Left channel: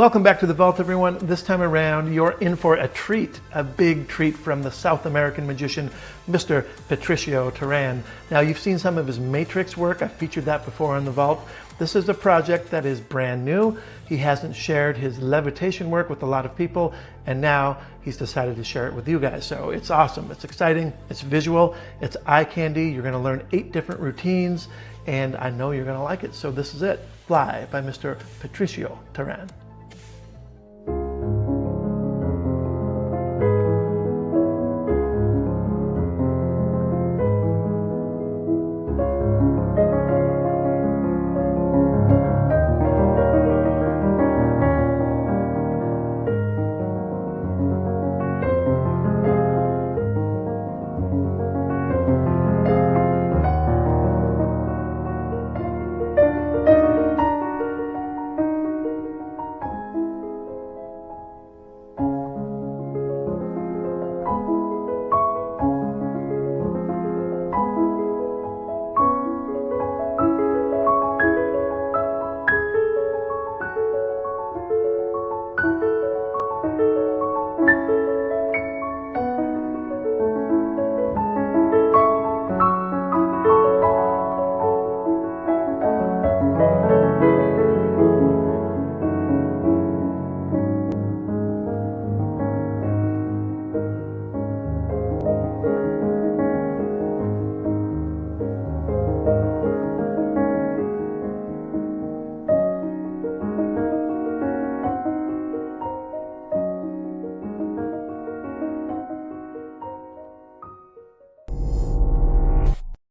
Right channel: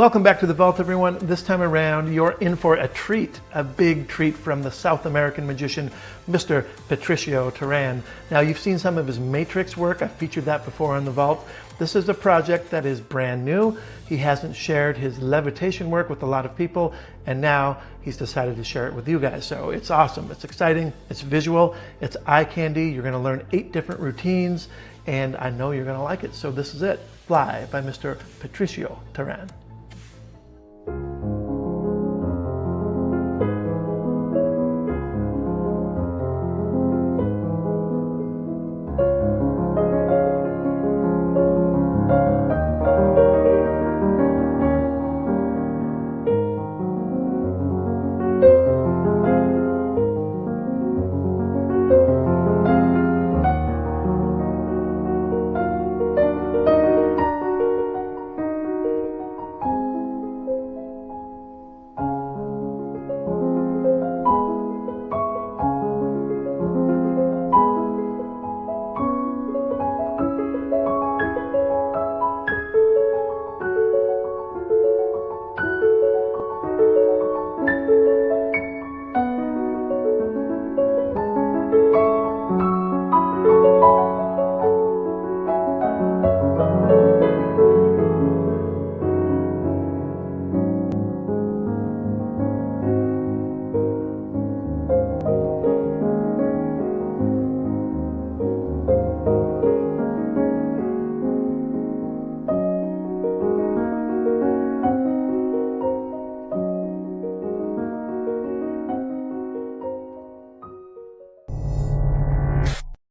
Welcome back to the vault, everyone. This time around, you're in for a treat, a big treat from the South American magician, Mr. Patricio Teran. Now, you've seen some of his matrix work. I featured that before on the vault. This is a project that is brand new. He hasn't shared his levitation work with a lot of people, and now he's decided to share it with you guys. So it's awesome, it's exciting, it's visual, it's eye candy. You're gonna learn 8 different routines, and I know you're gonna like it. So this is it, Fly by Mr. Patricio Teran.